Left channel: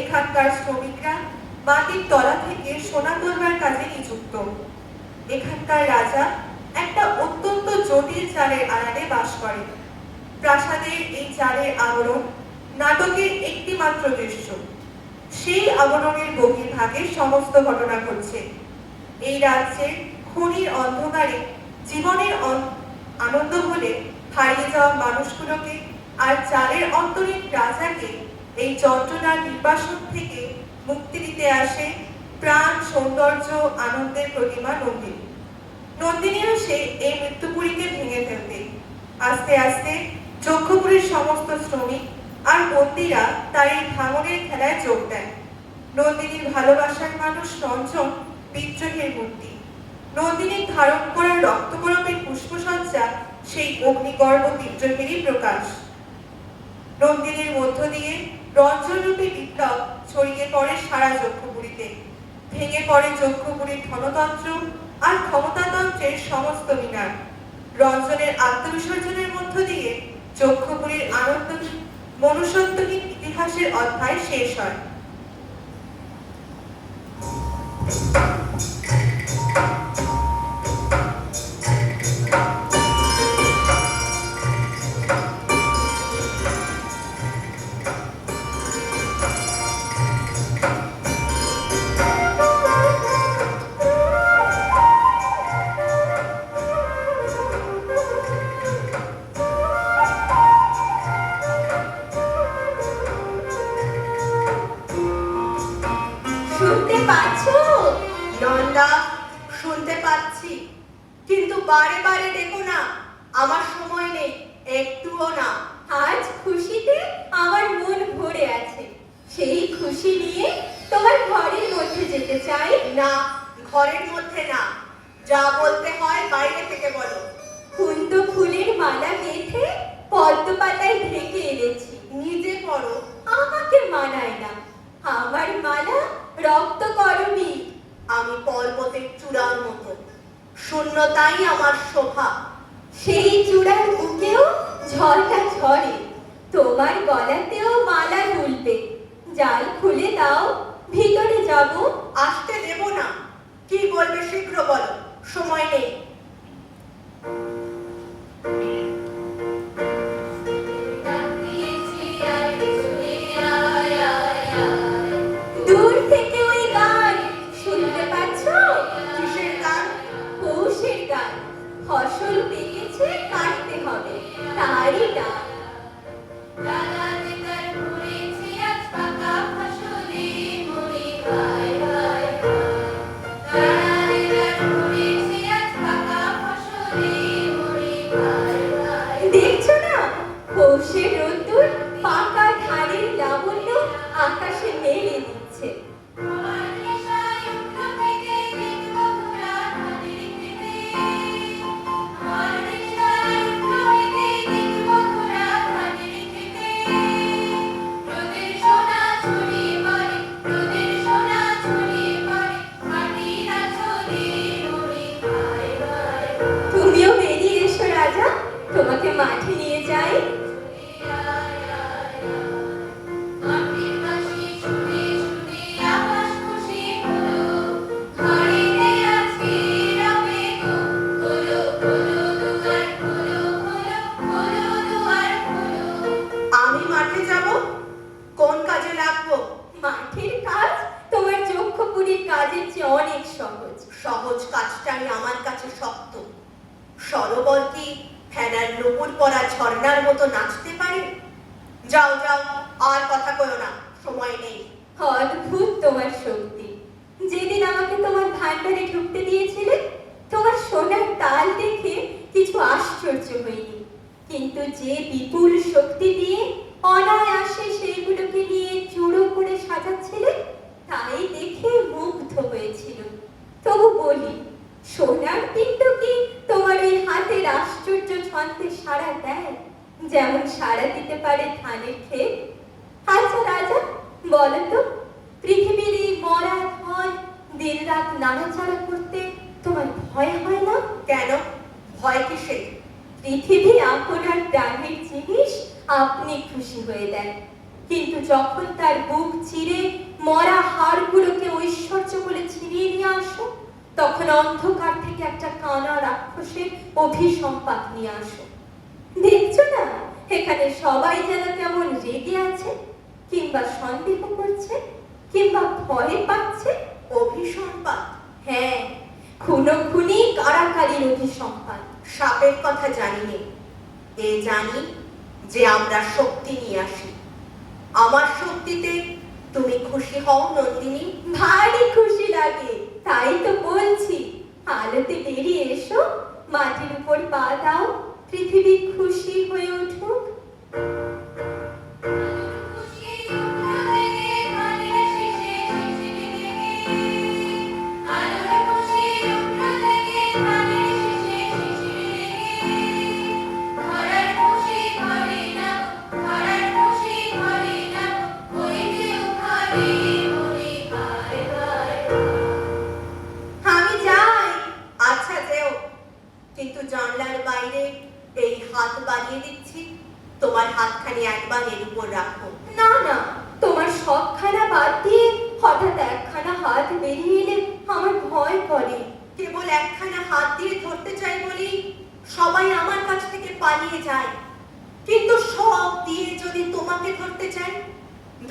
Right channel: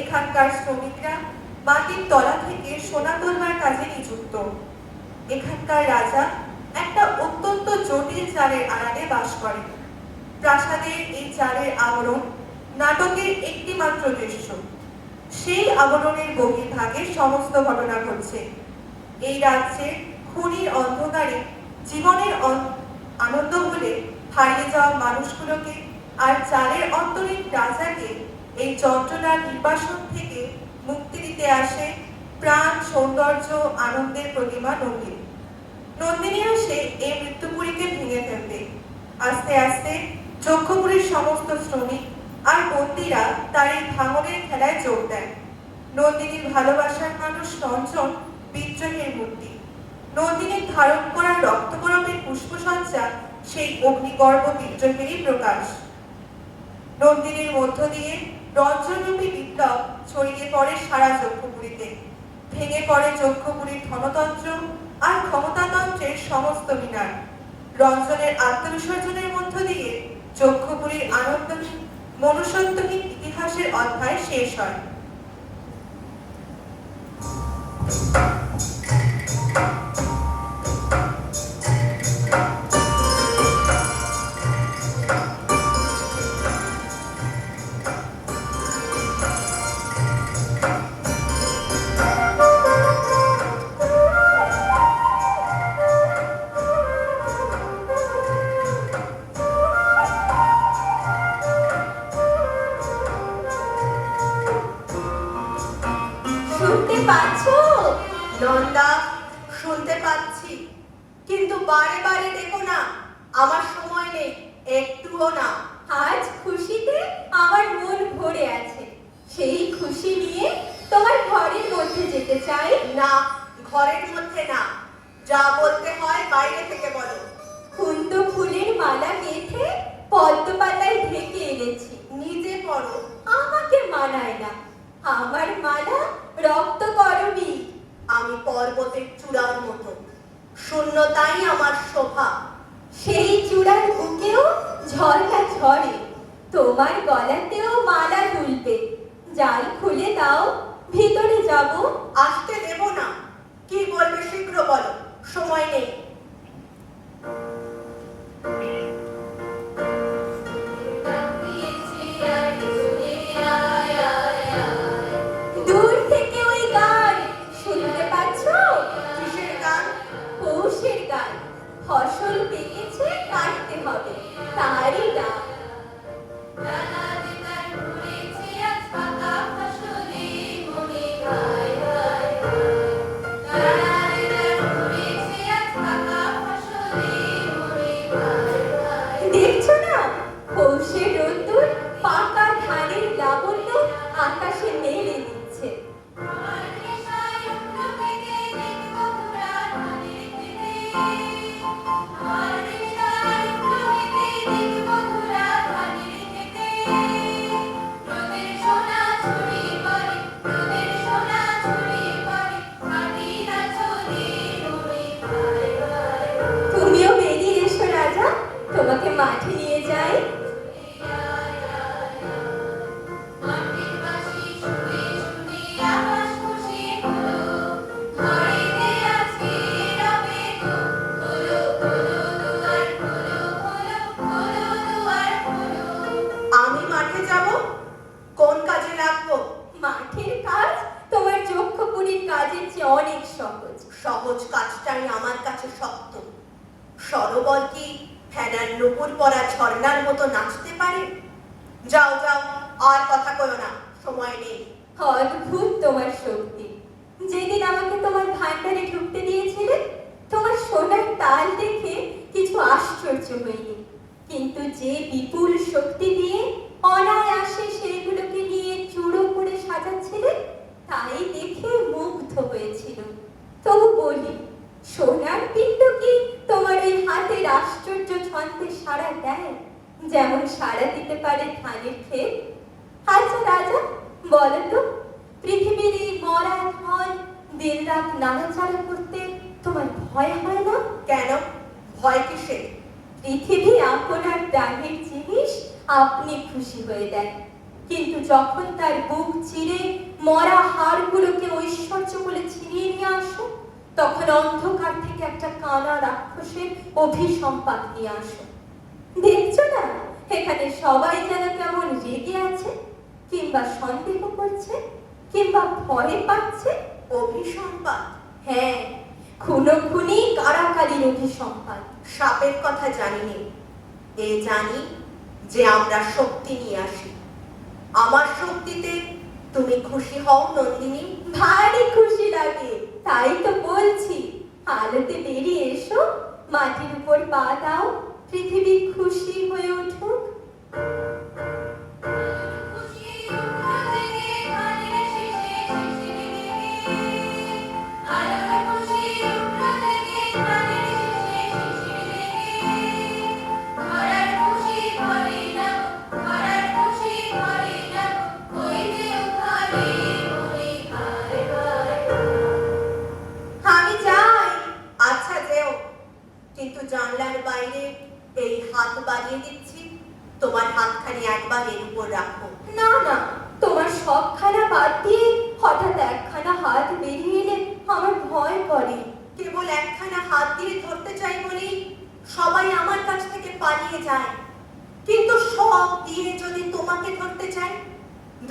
এখানকার শ্রমিকরা মাটির তলা থেকে সোনা তোলবার কাজে নিযুক্ত। এখানকার রাজা একটা অত্যন্ত জটিল চালের আড়ালে বাস করেন। প্রাসাদের এই চালের আবরণ নাটকের একটি মাত্র দৃশ্য। সেই আবরণের বহির্ভাগে সমস্ত ঘটনা ঘটছে। এই রাজ্যের খনির অন্ধকারে জীবনের আনন্দ ভুলে হারিয়ে যাওয়া মানুষগুলোকে আর চালের অন্তরীণ রাজাকে এই যন্ত্রণার নির্বাসন থেকে মুক্তি দিতে আসে প্রাণ, সৌন্দর্য, আনন্দের প্রতিমা নন্দিনী। নন্দিনী আসে এই মৃত্যুপুরীকে ভেঙে ফেলতে। আস্তে আস্তে যক্ষপুরীর সমস্ত শ্রমিক আর বন্দীরা তার এই ভাঙনের খেলায় যোগ দেয়। নন্দিনীর ভালোবাসার মানুষ রঞ্জন বিদ্রোহের মূর্তি। নন্দিনীর ধারণ করা রক্তকরপের পুষ্পসজ্জা সেই অগ্নিগর্ভ বিদ্রোহেরই প্রকাশ। নন্দিনীর মধ্য দিয়ে রঞ্জনরূপী বিপ্লব ছড়িয়ে পড়ে সারা যক্ষপুরীতে। ভেঙে পড়ে যক্ষপুরীর ধনতন্ত্র আর ক্ষমতাতন্ত্রের সমস্ত মিনার। রঞ্জনের আত্মবিসর্জনের মধ্য দিয়ে যক্ষপুরীর আনন্দহীন, মনুষ্যত্বহীন ইতিহাসের অধ্যায় শেষ হয়। শুনতে পাচ্ছো? নন্দা, শুনতে পাচ্ছি, কিন্তু বারে বারে দেখো না, আমার সময় নেই, একটুও না। আজ খুশিতে আমার মন ভরে আছে। সেই খুশি নিয়ে তোমার ঘরের মধ্যে যেতে চাই। না, ঘরের মধ্যে না, যা বলতে হয় বাইরে থেকে বলো। কুন্দ ফুলের মালা গেঁথে পদ্ম পাতায় ঢেকে এনেছি। নিজে পড়ো। আমাকে মানায় না, আমার মালা রক্তকরণী। আমি পর্বতের চূড়ার মতো, শূন্যতাই আমার শোভা। সেই চূড়ার বুকেও ঝড়টা ঝরে, তোমার গলাতেও মালা দুলবে। জাল খুলে দাও, ভিতরে যাব। আসতে দেব না। কি বলবে শীঘ্র বলো, সময় নেই। দূর থেকে ওই গান শুনতে পাচ্ছ? কিসের গান? পৌষের গান। ফসল পেকেছে, কাটতে হবে, তারই গান। দেখছো না, পৌষের রোদ্দুর পাকা ধানের লাবণ্য আকাশে মেলে দিচ্ছে। তুমিও বেরিয়ে এসো রাজা, তোমাকে মাঠে নিয়ে যাই। আমি মাঠে যাব? কোন কাজে লাগবো? মাঠের কাজ তোমার যক্ষপুরীর কাজের চেয়ে অনেক সহজ। সহজ কাজটাই আমার কাছে শক্ত। সরোবর কি ফেনার নুপুর পরা ঝর্ণার মতো নাচতে পারে? যাও যাও, আর কথা কইও না, সময় নেই। অদ্ভুত তোমার শক্তি। যেদিন আমাকে তোমার ভান্ডারে ঢুকতে দিয়েছিলে, তোমার সোনার তাল দেখে কিছু আশ্চর্য হইনি। কিন্তু যে বিপুল শক্তি দিয়ে অনায়াসে সেগুলোকে নিয়ে চূড়ো করে সাজাচ্ছিলে তাই দেখে মুগ্ধ হয়েছিল। তবু বলি, সোনার পিণ্ড কি তোমার ওই হাতের আশ্চর্য ছন্দে সাড়া দেয়, যেমন সাড়া দিতে পারে ধানের ক্ষেত? আচ্ছা রাজা, বলো তো, পৃথিবীর এই মরা ধন দিন রাত নাড়াচাড়া করতে তোমার ভয় হয় না? কেন? ভয় কিসে? পৃথিবী আপনার প্রাণের জিনিস আপনি খুশি হয়ে দেন, কিন্তু যখন তার বুক চিরে মরা হাড়গুলোকে ঐশ্বর্য বলে ছিনিয়ে নিয়ে আসো, তখন অন্ধকার থেকে একটা কানা রাক্ষসের অভিসম্পাত নিয়ে আসো। দেখছো না, এখানে সবাই যেন কেমন রেগে আছে, কিংবা সন্দেহ করছে, কিংবা ভয় পাচ্ছে। অভিসম্পাত? হ্যাঁ, খুনোখুনি কারাকারির অভিসম্পাত। সাপের কথা জানিনি, এ জানি যে আমরা শক্তি নিয়ে আসি। আমার শক্তিতে তুমি খুশি হও নন্দিনী? ভারী খুশি লাগে, তাই তো বলছি, আলোতে বেরিয়ে এসো, মাটির উপর পা দাও, পৃথিবী খুশি হয়ে উঠুক। আমি যাই। আচ্ছা যেও, কিন্তু জানলার বাইরে এই হাত বাড়িয়ে দিচ্ছি, তোমার হাতখানি একবার এর উপর রাখো। না না, তোমার সবখানা বাদ দিয়ে হঠাৎ একখানা হাত বেরিয়ে এলে আমার ভয় করে। কেবল একখানা হাত দিয়ে ধরতে চাই বলেই সবাই আমার কাছ থেকে পালিয়ে যায়, কিন্তু সব দিয়ে যদি তোমাকে ধরতে চাই,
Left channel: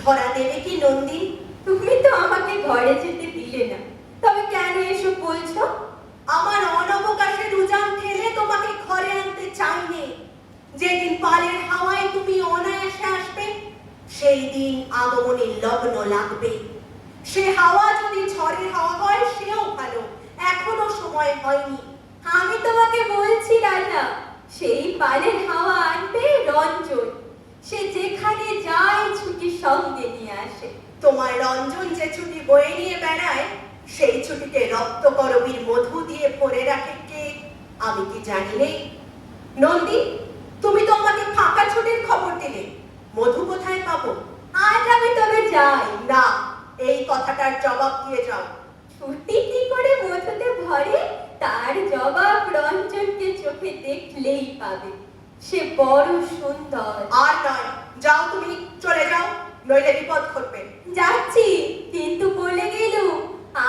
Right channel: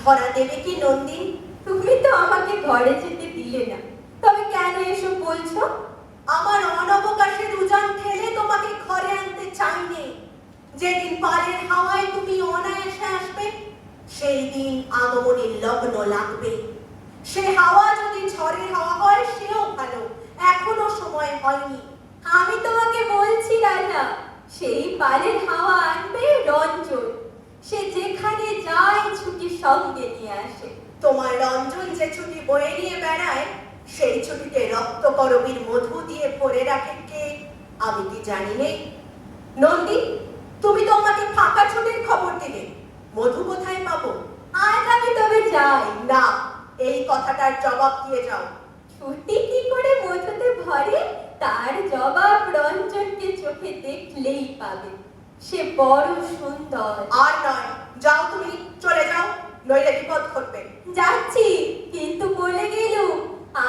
ধরা দেবে কি নন্দিন? তুমি তো আমাকে ঘরে যেতে দিলে না, তবে কেন এসব বলছো? আমার অনবকাশের উজান ঠেলে তোমাকে ঘরে আনতে চাইনি। যেদিন পালের হাওয়ায় তুমি অনায়াসে আসবে, সেই দিন আগমনের লগ্ন লাগবে। সে হাওয়া যদি ঝড়ের হাওয়া হয় সেও ভালো, এখনো সময় হয়নি। আমি তোমাকে বলছি রাজা, সেই পালের হাওয়া আনবে রঞ্জন, সে যেখানে যায় ছুটি সঙ্গে নিয়ে আসে। তোমার রঞ্জন যে ছুটি বয়ে নিয়ে বেড়ায়, সেই ছুটিকে রক্তকরবীর মধু দিয়ে ভরে রাখে কে, আমি কি জানি নেই? নন্দী, তুমি তো আমাকে ফাঁকা ছুটির খবর দিলে, মধু কোথায় পাবো? আজ আমি তবে যাই। না, এই কথাটার জবাব দিয়ে যাও। ছুটি কি করে মধুতে ভরে, তার জবাব রঞ্জনকে চোখে দেখলেই পাবে। সে বড় সুন্দর। আর নয়, যাও তুমি, চলে যাও, নইলে বিপদ ঘটবে। যাচ্ছি, কিন্তু বলে গেলুম,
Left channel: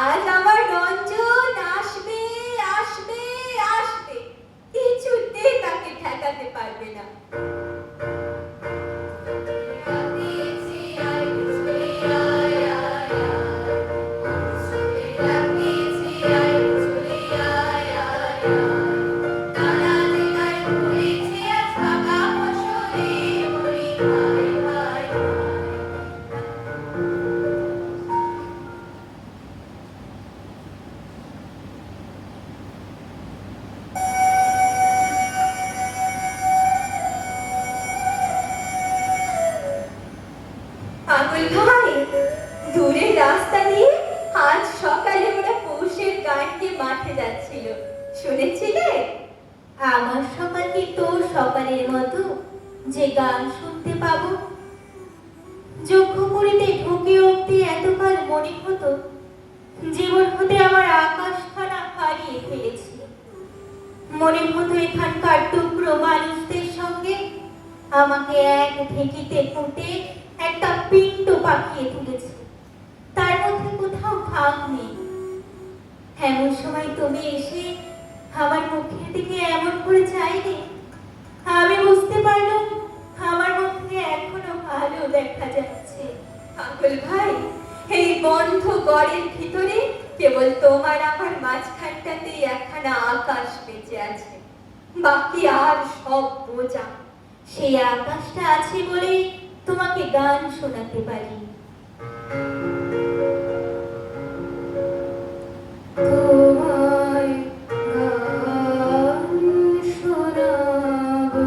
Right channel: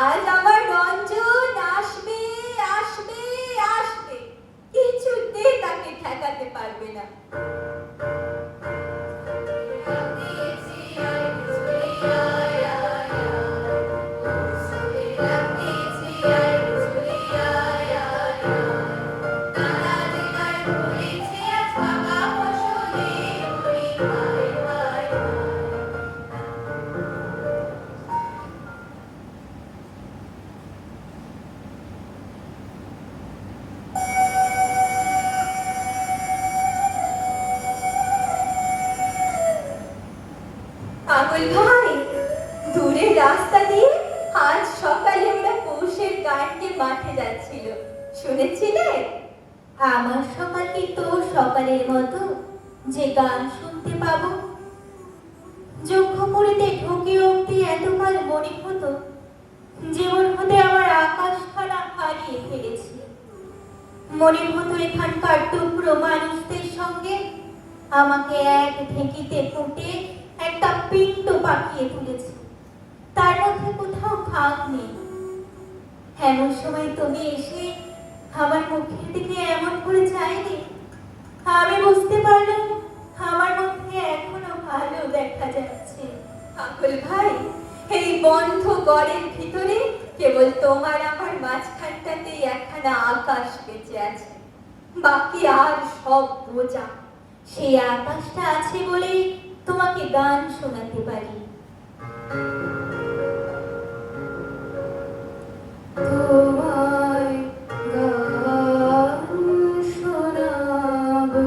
আজ আমার রঞ্জন আসবে আসবে আসবে, কিছুতে তাকে ঠেকাতে পারবে না। পাগল ভাই, দূরের রাস্তা দিয়ে আজ সকালে ওরা পৌষের গানকে মাঠে যাচ্ছিল, শুনেছিলে? আমার সকাল কি তোর সকালের মতো যে গান শুনতে পাবো? যজ্ঞপুরীতে ঢুকে উঠতে এতকাল মনে হতো জীবন হতে আমার আকাশখানা হারিয়ে ফেলেছি। মনে হতো এখানকার টুকরো মানুষদের সঙ্গে আমাকে এক ঢেঁকিতে পুঁতে একটা পিণ্ড পাকিয়ে তুলেছে, তার মধ্যে কোথাও ভাগ নেই। এমন সময় তুমি এসে আমার মুখের দিকে এমন করে চাইনি, আমি বুঝতে পারলাম আমার মধ্যে এখনো ভালো দেখা যাচ্ছে। পাগল ভাই, এই বন্ধ গড়ের ভিতরে কেবল তোমার আমার মাঝখানটাতেই একখানা আকাশ বেঁচে আছে, বাকি আর সব বোঝা। সেই আকাশটা আছে বলেই তোমাকে গান শোনাতে পারি। তোমায় গান শোনাবো।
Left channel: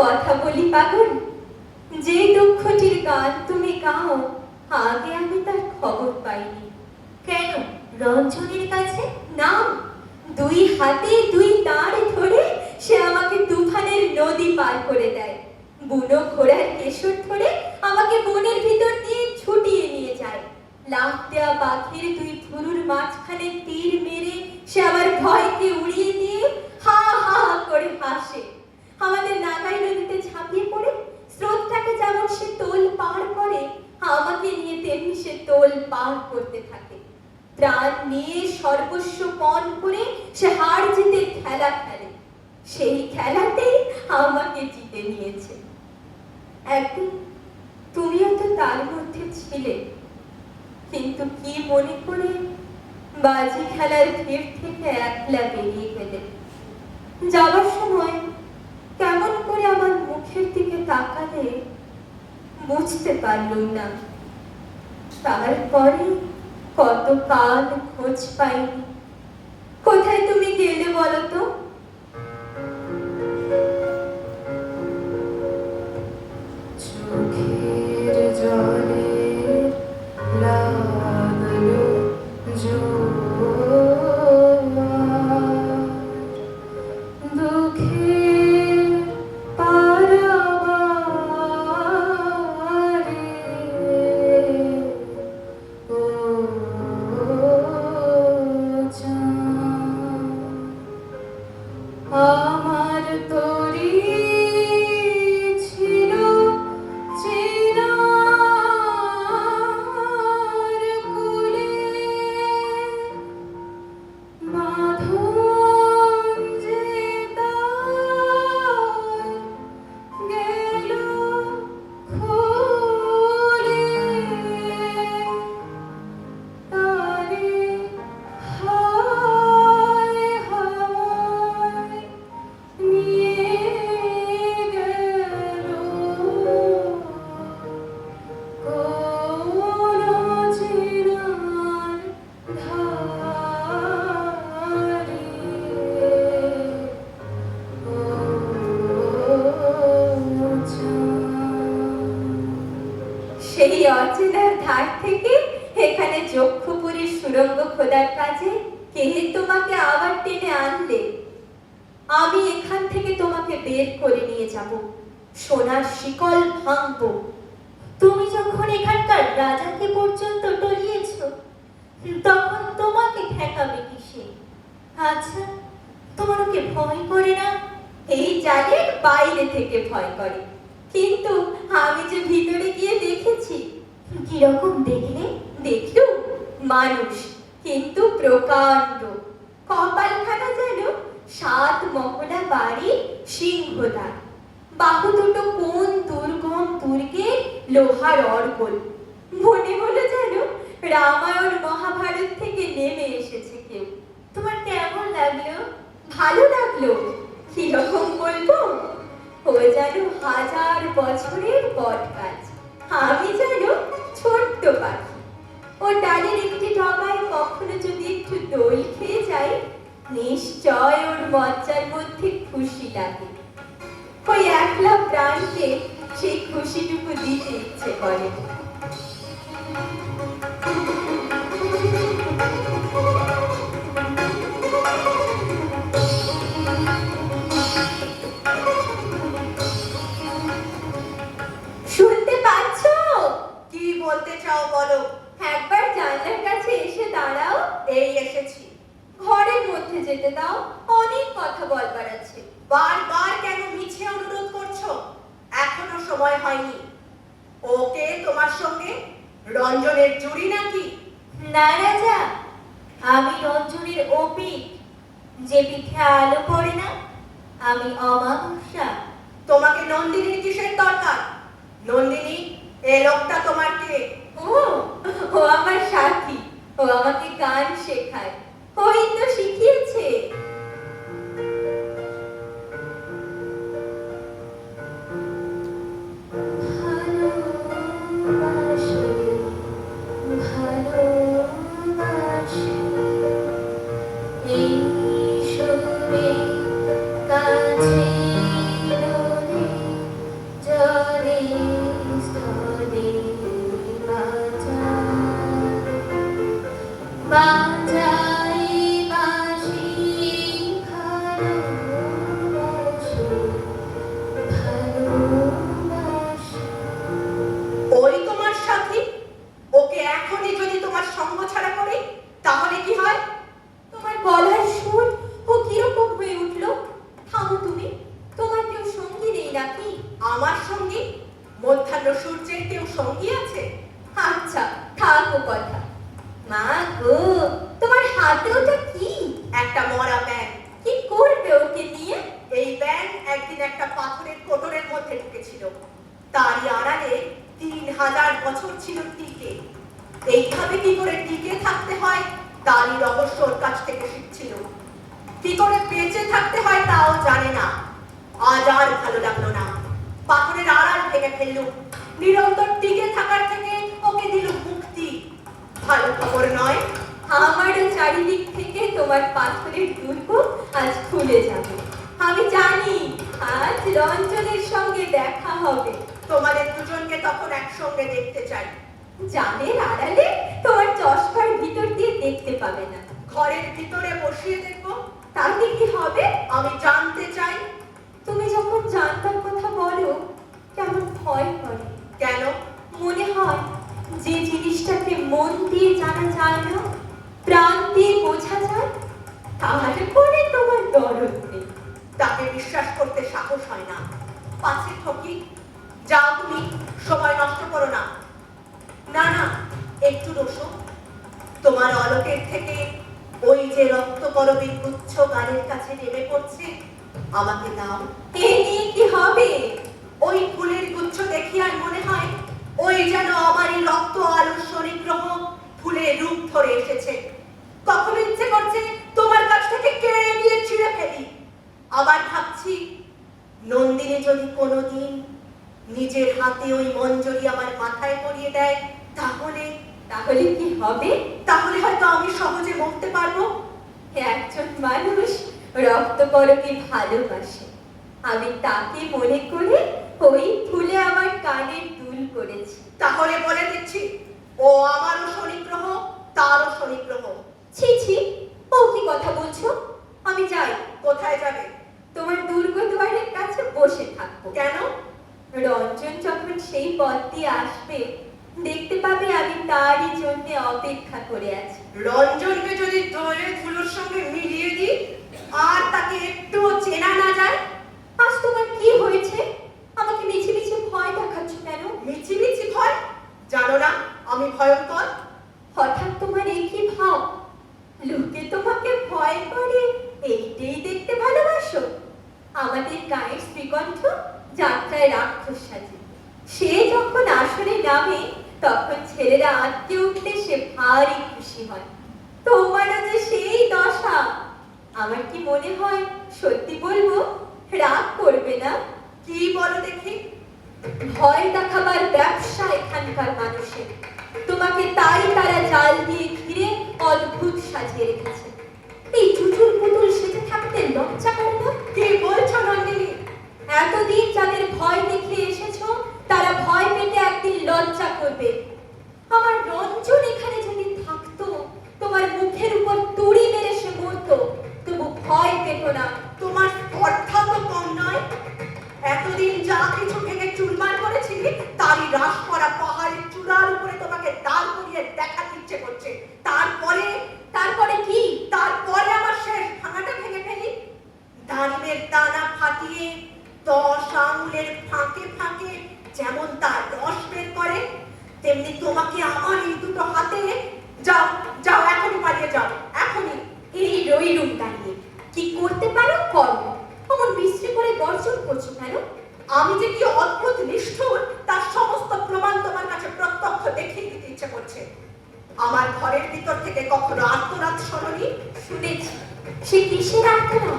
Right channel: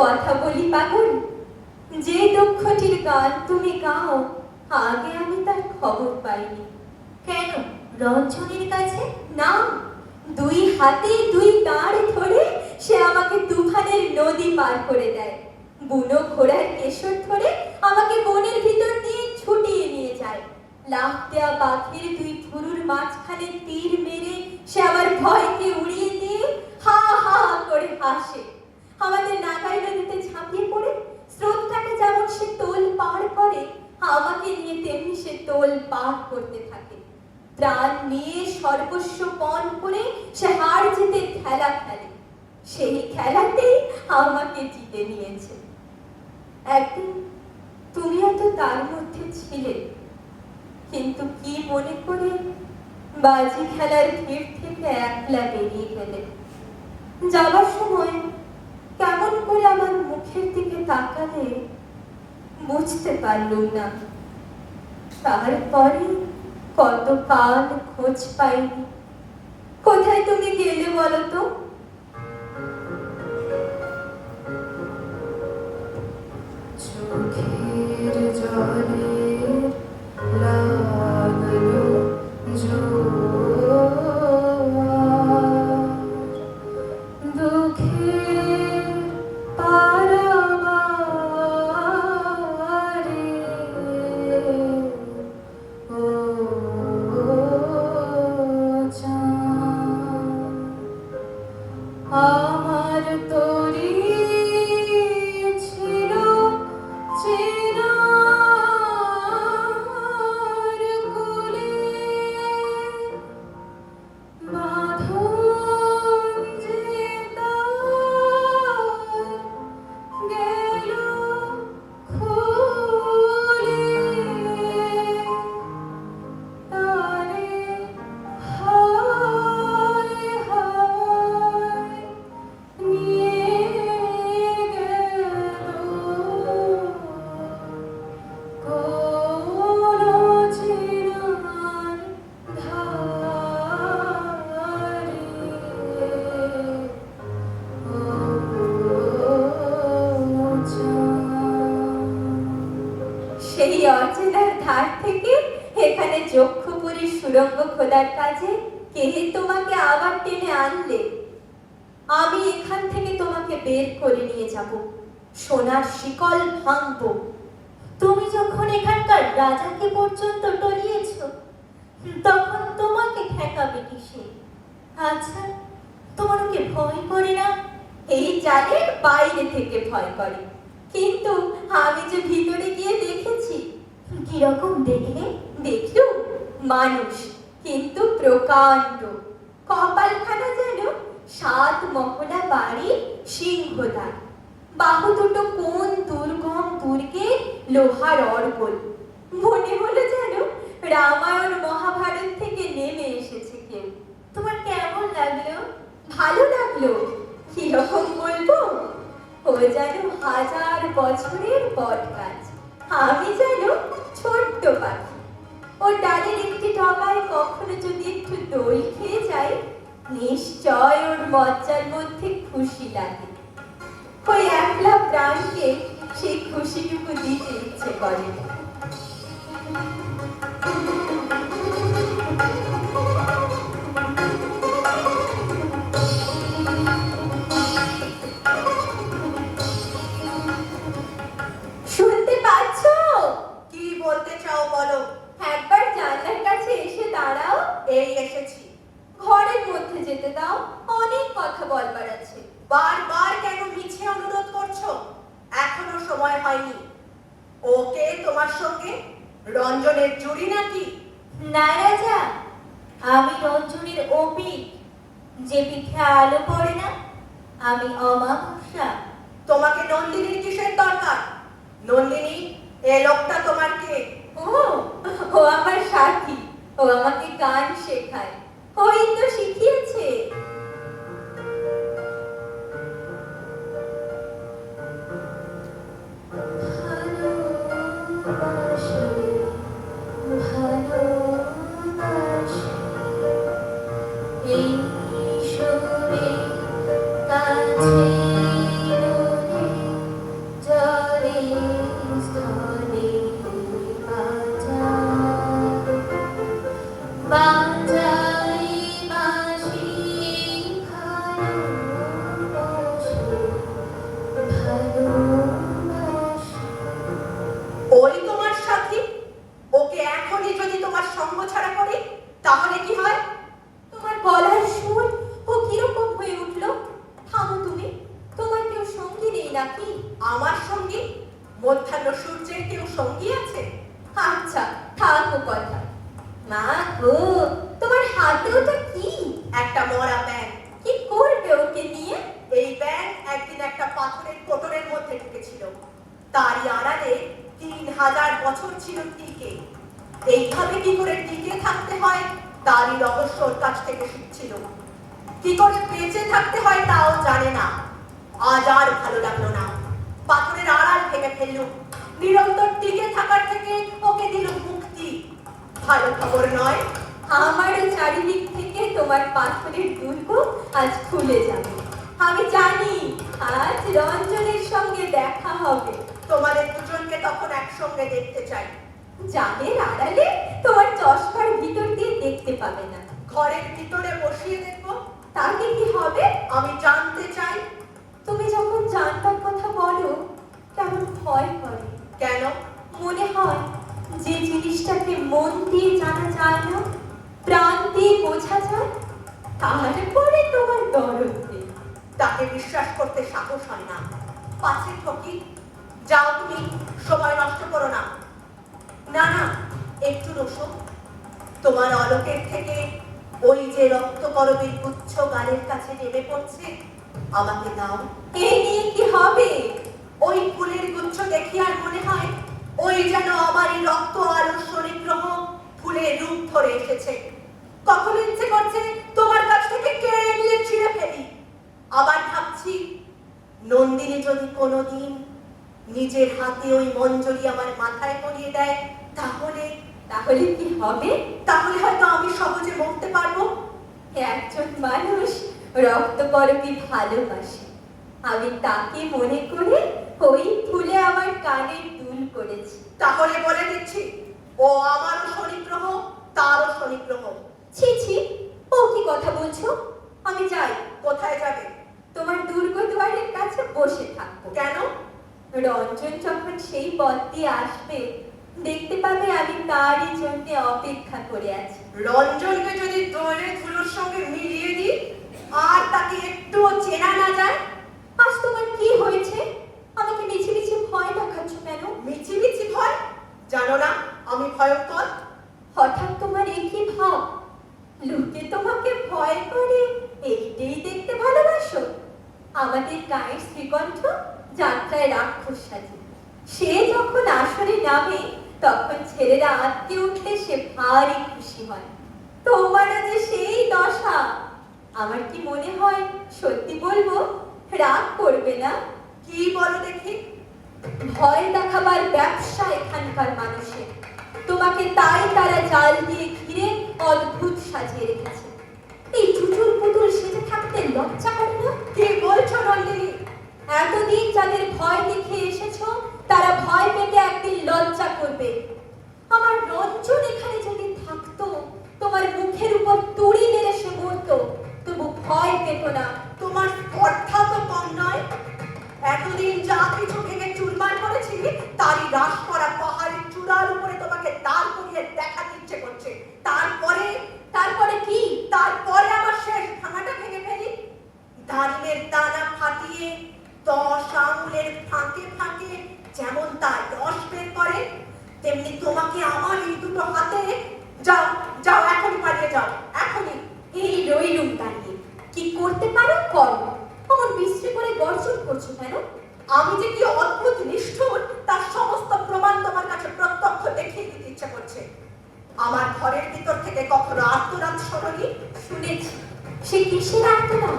কথা বলি পাগল, যে দুঃখটির গান তুমি গাও আগে আমি তার খবর পাইনি। কেন, রঞ্জনের কাছে? না, দুই হাতে দুই তার ধরে সে আমাকে তুফানের নদী পার করে দেয়। বুনো ঘোড়ার কেশর ধরে আমাকে বনের ভিতর দিয়ে ছুটিয়ে নিয়ে যায়। লাফ দেওয়া পাখির দুই থুরুর মাঝখানে তীর মেরে সে আমার ভয়কে উড়িয়ে দিয়ে হা হা করে হাসে। আমাদের নাগাই নদীতে ঝাঁপিয়ে পড়ে স্রোতটাকে যেমন সে তোল পার করে, আমাকে নিয়ে তেমনি সে তোল পার করতে থাকে। প্রাণ নিয়ে সর্বস্ব পণ করে সে হার জিতে খেলা খেলে। সেই খেলাতেই আমাকে জিতে নিয়েছে। একদিন তুমিও তো তার মধ্যে ছিলে, কিন্তু কি মনে করে বাজি খেলার ভিড় থেকে একলা বেরিয়ে গেলে। যাবার সময় কেমন করে আমার মুখের দিকে তাকালে বুঝতে পারলুম না। তারপরে কত কাল খোঁজ পাইনি। কোথায় তুমি গেলে বলো তো? চোখের জলে লাগলো জোয়ার, দুঃখের পারাবারে ও চাঁদ, আমার তরি ছিল চেনার কোলে, বাঁধন যে তার গেল খুলে, তারে হায় হায় নিয়ে গেল কোন চেনার ধারে ও চাঁদ। সেই অচেনার ধার থেকে এখানে যক্ষপুরীর সুড়ঙ্গ খোদার কাজে কে তোমাকে আবার টেনে আনলে? আমি এখান থেকে তোমাকে বের করে নিয়ে যাব, সোনার শিকল ভাঙবো। তুমি যখন এখানকার রাজাকে পর্যন্ত টলিয়েছ, তখন তোমাকে ঠেকাবে কিসে? আচ্ছা, তোমার ওকে ভয় করে না? এই জালের বাইরে থেকে ভয় করে, কিন্তু আমি যে ভিতরে গিয়ে দেখেছি। কিরকম দেখলে? দেখলুম মানুষ, কিন্তু প্রকাণ্ড। কপালখানা যেন 7 মহলা বাড়ি সিংহদ্বার, বাহু দুটো কোন দুর্গম দুর্গে লোহার অর্গল। মনে হলো যেন রামায়ণ মহাভারত থেকে নেমে এসেছে কেউ। তোমার কেমন লাগলো? ভালো লাগলো। কিরকম বলবো? ও যেন 1000 বছরের বট গাছ, আমি যেন ছোট্ট পাখি। ও ডালের একটি ডগায় কখনো যদি একটু দোল খেয়ে যাই, নিশ্চয় ওর মজ্জার মধ্যে খুশি লাগে। ওই একলা প্রাণকে সেই খুশিটুকু দিতে ইচ্ছে করে। শুনতে পাচ্ছো? কি বলতে চাও বলো? একবার জানলার কাছে এসে দাঁড়াও। এই এসেছি। ঘরের মধ্যে যেতে দাও, অনেক কথা বলবার আছে। বারবার কেন মিছে অনুরোধ করছো? এখনো সময় হয়নি। ওকে তোমার সঙ্গে? রঞ্জনের জুড়ি নাকি? না রাজা, আমি রঞ্জনের অপিক, যে পিঠে আলো পড়ে না। আমি অমাবস্যা। তোমাকে নন্দিনীর কিসের দরকার? নন্দিনী, এ লোকটা তোমার কে? ও ও আমার সাথী, ও আমাকে গান শেখায়। ওই তো শিখিয়েছে। ভালোবাসি, ভালোবাসি, এই সুরে কাছে রোদে নাকি? আমার সঙ্গী? মধ্যাহ্ন সূর্যের কেউ সঙ্গী আছে? আচ্ছা, থাকো কথা। মা গো, তোমার হাতে ওটা কি? একটা মরা ব্যাগ। কি করবে ওকে নিয়ে? এই ব্যাগ একদিন একটা পাথরের কোটরের মধ্যে ঢুকেছিল। তারই আড়ালে 3000 বছর ছিল টিকে। এইভাবে কি করে টিকে থাকতে হয় তারই রহস্য ওর কাছ থেকে শিখছিল। কি করে বেঁচে থাকতে হয় তাও জানে না। আজ আর ভালো লাগলো না, পাথরের আড়াল ভেঙে ফেললুম। নিরন্তর টিকে থাকার থেকে ওকে দিল মুক্তি। ভালো খবর নয়? আমারও চারিদিক থেকে তোমার পাথরের দুর্গ আজ খুলে যাবে। আমি জানি আজ রঞ্জনের সঙ্গে দেখা হবে। তোমাদের দুজনকে তখন একসঙ্গে দেখতে চাই। জানের আড়ালে তোমার চশমার ভিতর দিয়ে দেখতে পাবে না। ঘরের ভিতরে বসিয়ে দেখবো। তাতে কি হবে? আমি জানতে চাই। তুমি যখন জানতার কথা বলো কেমন ভয় করে। কেন? মনে হয় যে জিনিসটাকে মন দিয়ে জানা যায় না, প্রাণ দিয়ে বোঝা যায়, তারপরে তোমার দরদ নেই। তাকে বিশ্বাস করতে সাহস হয় না। পাছে ঠকি। যাও তুমি, সময় নষ্ট করো না। না না, একটু রসো। তোমার অলোকের থেকে ওই যে রক্তকরবীর গুচ্ছ গানের কাছে নেমে পড়ছে, আমাকে দাও। এ নিয়ে কি হবে? ওই ফুলের গুচ্ছ দেখি আর মনে হয় ওই যেন আমারই রক্ত আলস্য নিগ্রহ ফুলের রূপ ধরে এসেছে। কখন ইচ্ছে করছে তোমার কাছ থেকে কেড়ে নিয়ে ছিঁড়ে ফেলি। আবার ভাবছি নন্দিনী যদি কোনোদিন নিজের হাতে ওই মঞ্জরি আমার মাথায় পরিয়ে দেয়, তাহলে তাহলে কি হবে? তাহলে হয়তো আমি সহজে মরতে পারবো। একজন মানুষ রক্তকরবী ভালোবাসে, আমি তাকে মনে করে ওই ফুলে আমার কানের দুল করেছি। তাহলে বলে দিচ্ছি, ও আমারও শনিগ্রহ, তারও শনিগ্রহ। ছি ছি, ও কি কথা বলছো? আমি যাই। কোথায় যাবে? তোমার দুর্গ দুয়ারের কাছে বসে থাকবো। কেন? রঞ্জন যখন সেই পথ দিয়ে আসবে দেখতে পাবে আমি তারই জন্য অপেক্ষা করে আছি। রঞ্জনকে যদি দোলে ধুলোর সঙ্গে মিলিয়ে দিই আর তাকে একটুও চেনা না যায়? আজ তোমার কি হয়েছে? আমাকে মিছি মিছি ভয় দেখাচ্ছ কেন? মিছিমিছি ভয়? জানো না আমি ভয়ঙ্কর? হঠাৎ তোমার এই কি ভাব? লোকে তোমাকে ভয় করে এইটাই দেখতে ভালোবাসো? আমাদের গায়ের শ্রীকণ্ঠ যাত্রায় রাক্ষস সাজে, সে যখন আসরে নামে তখন ছেলেরা আটকে উঠলে সে ভারী খুশি হয়। তোমারও যে সেই দশা। আমার কি মনে হয় সত্যি বলবো রাগ করবে না? কি বলো দেখি? ভয় দেখাবার ব্যবসা এখানকার মানুষের। তোমাকে তাই তারা জাল দিয়ে ঘিরে অদ্ভুত সাজিয়ে রেখেছে। এই চুচুর পুতুল সেজে থাকতে লজ্জা করে না? কি বলছো নন্দিনী? এতদিন যাদের ভয় দেখে এসেছো তারা ভয় পেতে একদিন লজ্জা করবে। আমার রঞ্জন এখানে যদি থাকতো, তোমার মুখের উপর তুড়ি মেরে সে মরতো, তবু ভয় পেত না। তোমার স্পর্ধা তো কম নয়। এতদিন যা কিছু ভেঙে চুরমার করেছিলে তারই হ্রাস করা পাহাড়ের চূড়ার উপরে তোমাকে দাঁড় করিয়ে দেখার ইচ্ছে করছে। তারপরে কি? তারপরে আমার শেষ ভাঙাটা ভেঙে ফেলি। ধানের দানা ফাটিয়ে 10 আঙুলের ফাঁকে ফাঁকে যেমন তার রস বের করে, তেমনি তোমাকে আমার এই দুটো হাতে। যাও যাও, এখনই পালিয়ে যাও, এখনই। এই রইলুম দাঁড়িয়ে, কি করতে পারো করো। আমার বিশ্রী করে গর্জন করছো কেন? আমি যে কি অদ্ভুত নিষ্ঠুর তার সমস্ত প্রমাণ তোমার কাছে প্রত্যক্ষ দেখিয়ে দিতে ইচ্ছে করছে। আমার ঘরের ভিতর থেকে কখনো আর্তনাদ শোনি? শুনেছি। সে কিসের আত্মনাদ?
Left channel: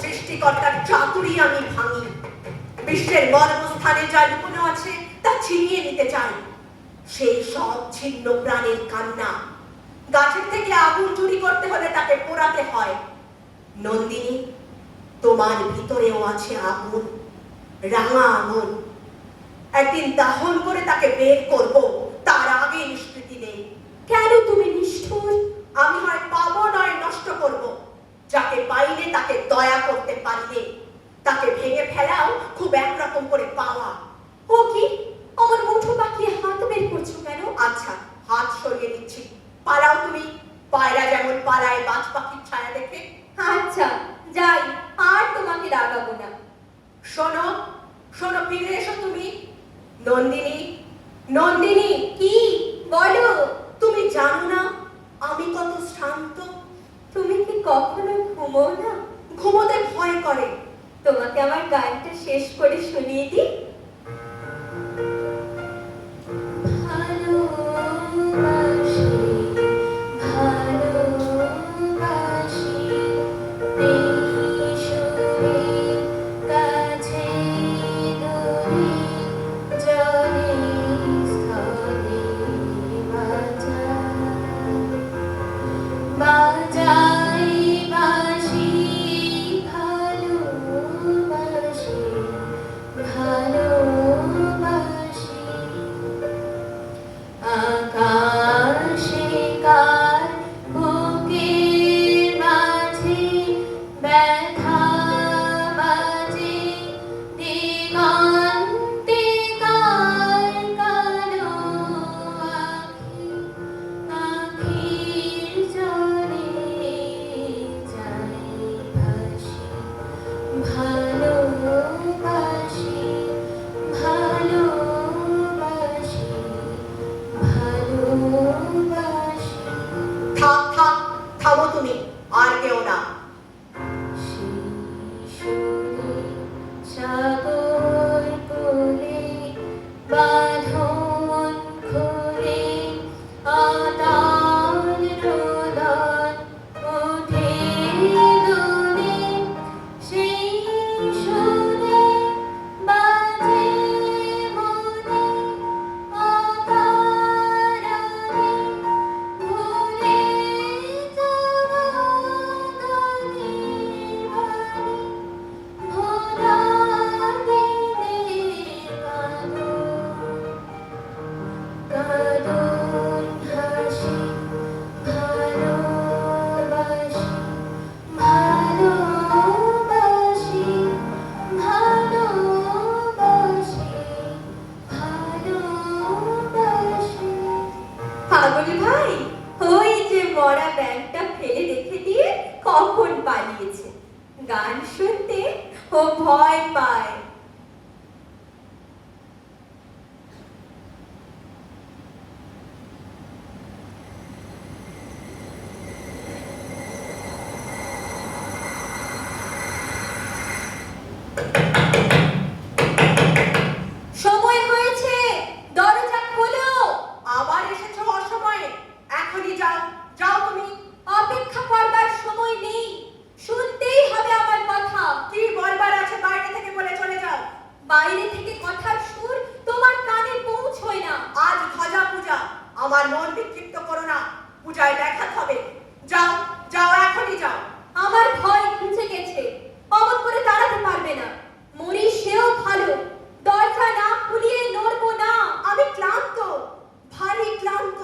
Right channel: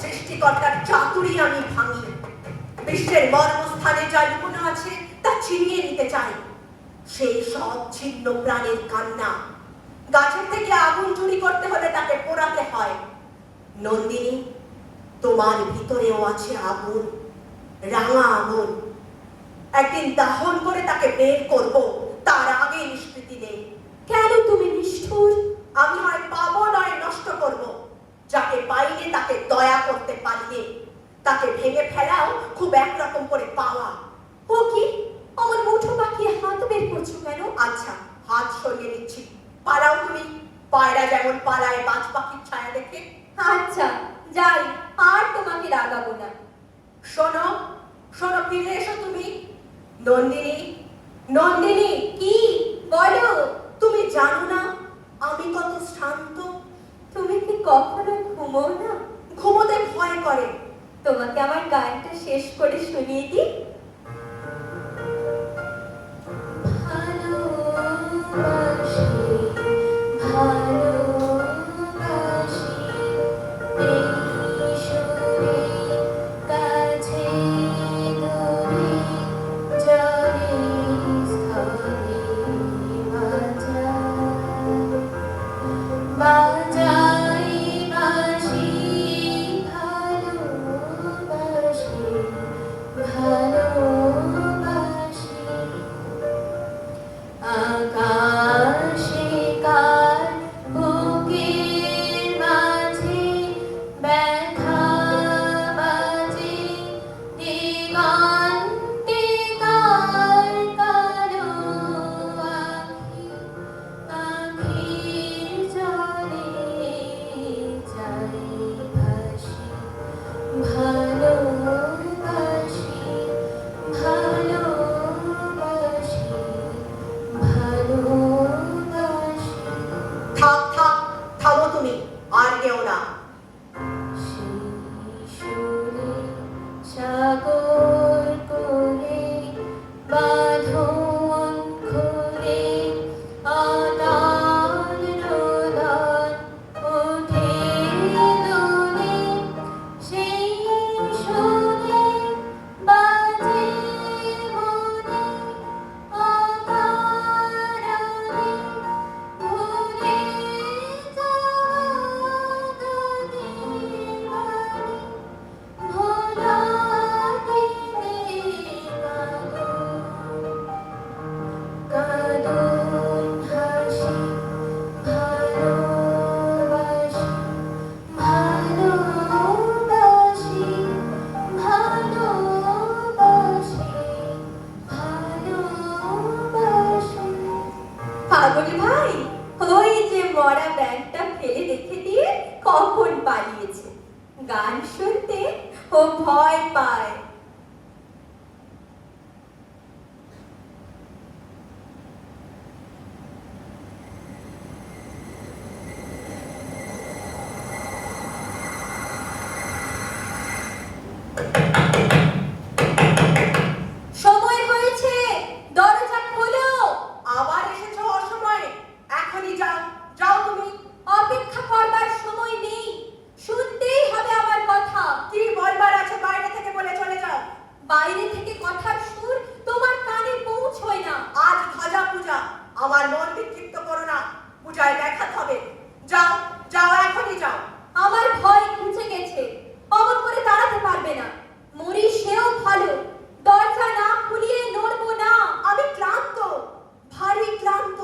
সৃষ্টিকর্তার চাতুরি আমি ভাঙি। বিশ্বের মর্মস্থানে যা লুকোনো আছে তা ছিনিয়ে নিতে চাই। সেই সব ছিন্ন প্রাণের কান্না। গাছের থেকে আগুন চুরি করতে হলে তাকে পোড়াতে হয়। নন্দিনী, তোমার ভিতরেও আছে আগুন, রাঙা আগুন। একদিন দাহন করে তাকে বের করব, তার আগে নিষ্কৃতি নেই। কেন তুমি নিষ্ঠুর? আমি হয় পাবো নয় নষ্ট করব। যাকে পাইলে তাকে দয়া করতে পারলে তাকে ভেঙে ফেলাও খুব একরকম করে পাওয়া। ও কি, আমার মুঠো পাকিয়ে হাত বের করছো কেন? আচ্ছা, হাত সরিয়ে নিচ্ছি, পালাও তুমি। পায়রা যেমন পালায় বাজ পাখির ছায়া দেখে। আচ্ছা যাই, আর তোমাকে রাগাবো না। শোনো, শোনো, ফিরে এসো তুমি। নন্দিনী, নন্দিনী, কি বলো? তুমি জানো না আমি কত শান্ত? তুমি কি কখনো ঘুমো না? ঘুমোতে ভয় করে। তোমাকে আমার গানটা শেষ করে শুনিয়ে দিই। ভালোবাসি, ভালোবাসি, এই সুরে কাছে দূরে জলে স্থলে বাজাই বাঁশি, ভালোবাসি, ভালোবাসি। আকাশে কার বুকের মাঝে ব্যথা বাজে, দিগন্তে কার কালো আঁখি, আঁখির জলে যাই ভাসি। ভালোবাসি, ভালোবাসি, ভালোবাসি। থাক থাক, থামো তুমি, আর কেউ না। শিশুরে সাগর কোলে বাঁধন খুলে আদান রোদন ওঠে দোলে, সেই সুরে বাজে মনে অকারণে ভুলে যাওয়া গানের বাণী, ভোলা দিনের কাঁদন হাসি। ভালোবাসি, ভালোবাসি, ভালোবাসি, ভালোবাসি। পাগল ভাই, ওই যে মরা ব্যাগটা ফেলে রেখে দিয়ে কখন পালিয়েছে। গান শুনতে ও ভয় পায়। সময় হয়েছে, দরজা খোলো। আবার এসেছো অসময়ে। এখনই যাও, যাও তুমি। অপেক্ষা করবার সময় নেই, শুনতেই হবে আমার কথা। কি বলবার আছে বাইরে থেকে বলে চলে যাও। বাইরে থেকে কথার সুর তোমার কানে পৌঁছয় না। আজ ধ্বজা পূজা, আমার মন বিক্ষিপ্ত করো না। পূজায় দেখা হবে। যাও, যাও, এখনই যাও। আমার ভয় ঘুচে গেছে, অমন করে দাঁড়াতে পারবে না। মরি সেও ভালো, দরজা না খুলিয়ে নড়বো না। আমি ক্লান্ত, ভারী ক্লান্ত।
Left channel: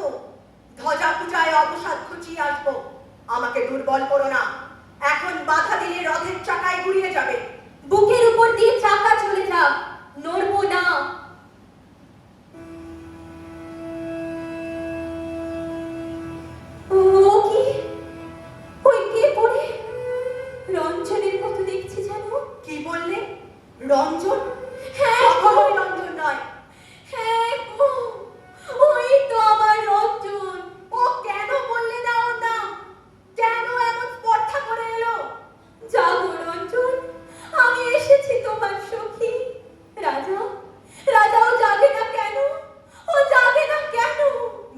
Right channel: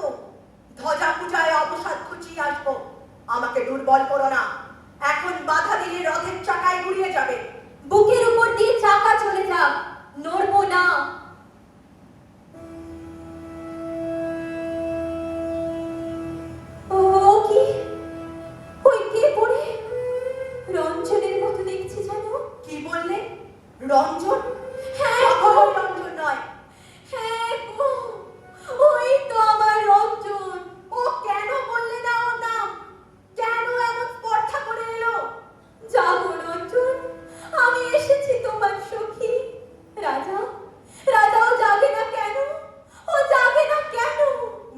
ধ্বজা পূজায় অবসাদ খুঁচিয়ে আসবো। আমাকে দুর্বল করো না। এখন বাধা দিলে রথের চাকায় ঘুরিয়ে যাবে। বুকের উপর দিয়ে চাকা চলে যাক, নড়বো না। ও কি, ওই কে পড়ে রঞ্জনের মতো দেখছি জানো। কি বললে? রঞ্জন? হ্যাঁ, কখনোই রঞ্জন নয়। হ্যাঁ গো, ওই তো আমার রঞ্জন। ও কেন বললে না ওর নাম? কেন এমন স্পর্ধা করে এলো? যাবো রঞ্জন, আমি এসেছি তোমার সখী। রাজা, রাজাও যাবে না কেন? ও যাবে না কেন?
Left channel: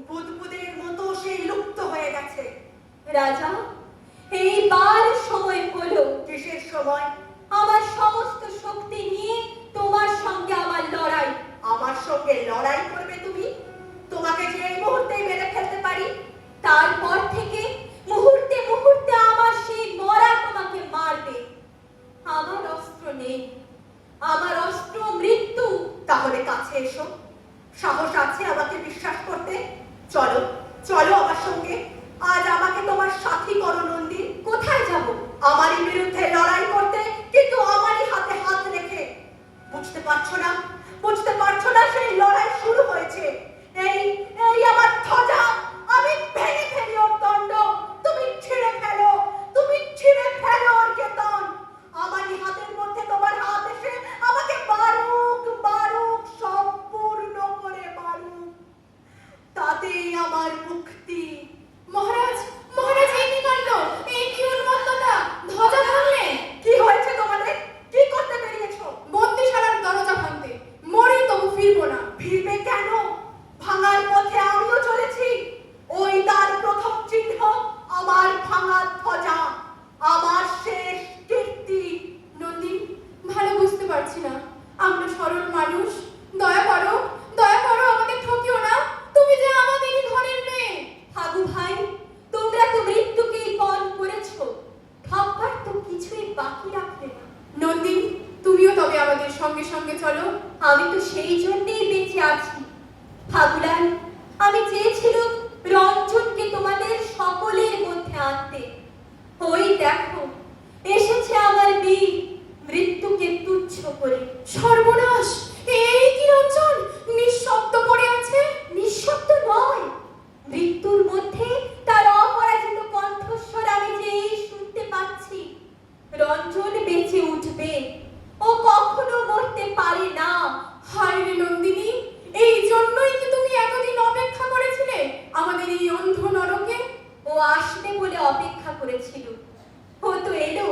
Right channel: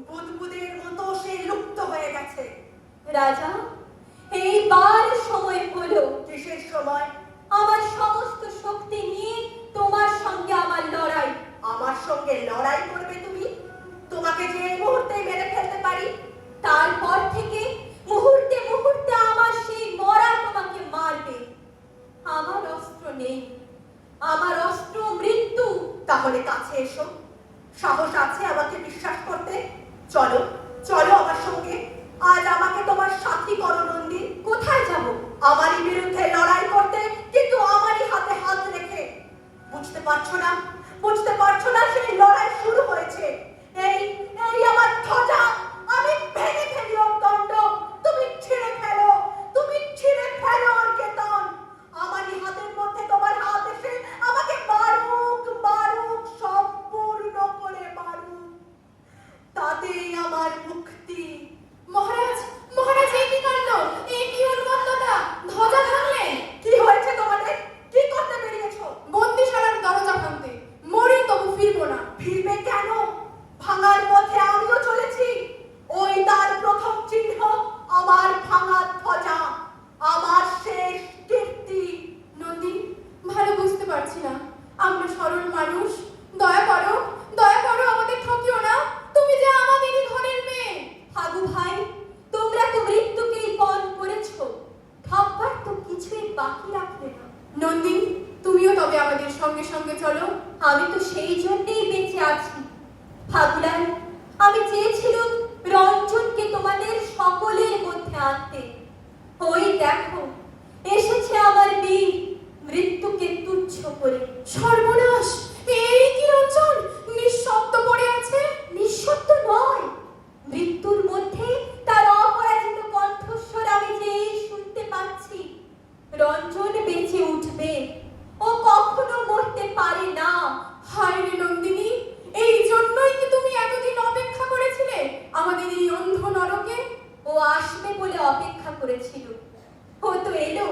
বুদবুদের মতো সে লুপ্ত হয়ে গেছে। রাজা, এইবার সময় হলো। কিসের সময়? আমার সমস্ত শক্তি নিয়ে তোমার সঙ্গে আমার লড়াই। আমার সঙ্গে লড়াই করবে তুমি? তোমাকে যে এই মুহূর্তে মেরে ফেলতে পারি। তারপর থেকে মুহূর্তে মুহূর্তে আমার সেই মরা তোমাকে মারবে। আমার অস্ত্র নেই, আমার অস্ত্র মৃত্যু। তাহলে কাছে এসো। সাহস আছে আমাকে বিশ্বাস করতে? চলো, চলো আমার সঙ্গে। আজ আমাকে তোমার সাথী করো নন্দিন। কোথায় যাব? আমারই বিরুদ্ধে লড়াই করতে, কিন্তু আমারই হাতে হাত রেখে। বুঝতে পারছো না? বুঝতে পারছো না সেই লড়াই শুরু হয়েছে। এই এই আমার ধ্বজা, আমি ভেঙে ফেলি ওর দণ্ড। তুমি ছিঁড়ে ফেলো, তুমি ছিঁড়ে ফেলো ওর কেতন। আমারই হাতের মধ্যে তোমার হাত এসে আমাকে মারো, সঙ্গে সঙ্গে চলো। আমি তো সেই জন্যই বেঁচে আছি। ফাগুলাল, আমি চেয়েছিলাম রঞ্জনকে তোমাদের সকলের মধ্যে আনতে। ওই দেখো, এসেছে আমার বীর, মৃত্যুকে তুচ্ছ করে। সর্বনাশ! এই কি রঞ্জন নিঃশব্দ পড়ে আছে? নিঃশব্দ নয়, মৃত্যুর মধ্যে তার অপরাজিত কণ্ঠস্বর আমি যে এই শুনতে পাচ্ছি। রঞ্জন বেঁচে উঠবে, ও কখনো মরতে পারে না। হায় রে নন্দিনী, এই জন্যই কি তুমি এতদিন অপেক্ষা করেছিলে আমাদের এই অন্ধ নরকে? ও আসবে বলে অপেক্ষা করেছিল, ও তো এলো।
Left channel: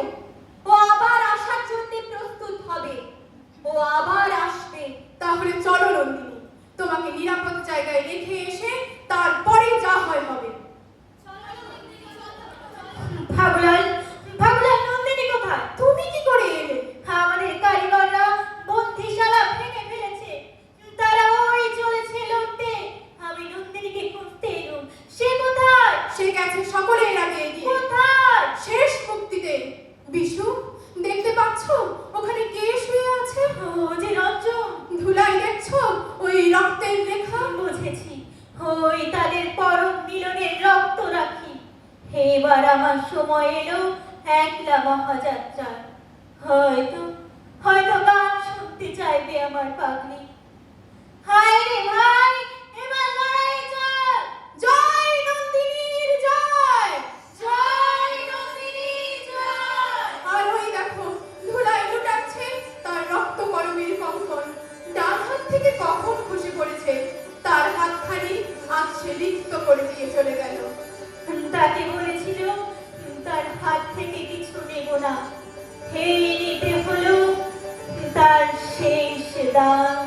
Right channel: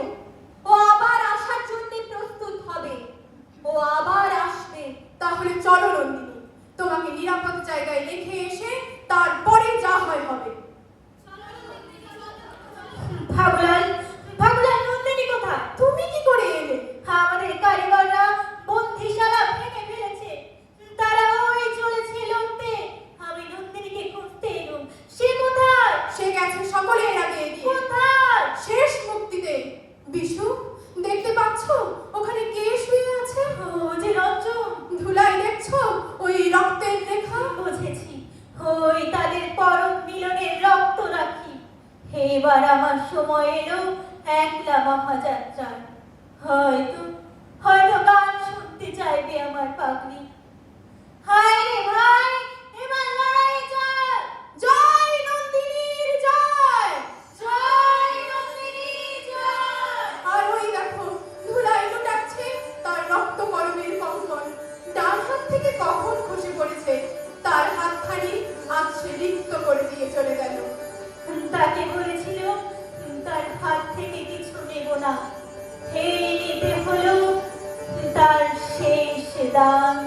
ও আবার আসার জন্য প্রস্তুত হবে, ও আবার আসবে। তাহলে চলো নন্দিনী, তোমাকে নিরাপদ জায়গায় রেখে এসে তারপরে যা হয় হবে। ফাগুলাল, ফাগুলাল, নন্দিনী কোথায়? তুমি কি করে এলে? আমাদের কারিগররা বন্দিশালা ভেঙে ফেলেছে, তারা ওই চলেছে লড়তে। আমি নন্দিনীকে খুঁজতে এলুম। সে কোথায়? সে গেছে সকলের আগে এগিয়ে কোথায়? শেষ মুক্তিতে। বিশু, দেখতে পাচ্ছ ওখানে কে শুয়ে আছে? ও যে রঞ্জন। ধুলাই দেখছো ওই রক্তের রেখা? বুঝেছি, ওই তাদের পরম মিলনের রক্ত রাখি। এবার আমার সময় এলো একলা মহাযাত্রার। হয়তো হয়তো গান শুনতে চাইবে আমার পাগলি। হায় রে ভাই, এবার লড়াই চাই। জয় নন্দিনীর জয়! জয় নন্দিনীর জয়! আর ওই দেখো ধুলাই লুটাচ্ছে তার রক্ত কলমের কঙ্কন। ডান হাত থেকে কখন খসে পড়েছে, তার হাতখানি আজ সে রিক্ত করে দিয়ে চলে গেল। তাকে বলেছিল তার হাত থেকে কিছু নেব না। এই নিতে হলো তার শেষ দান।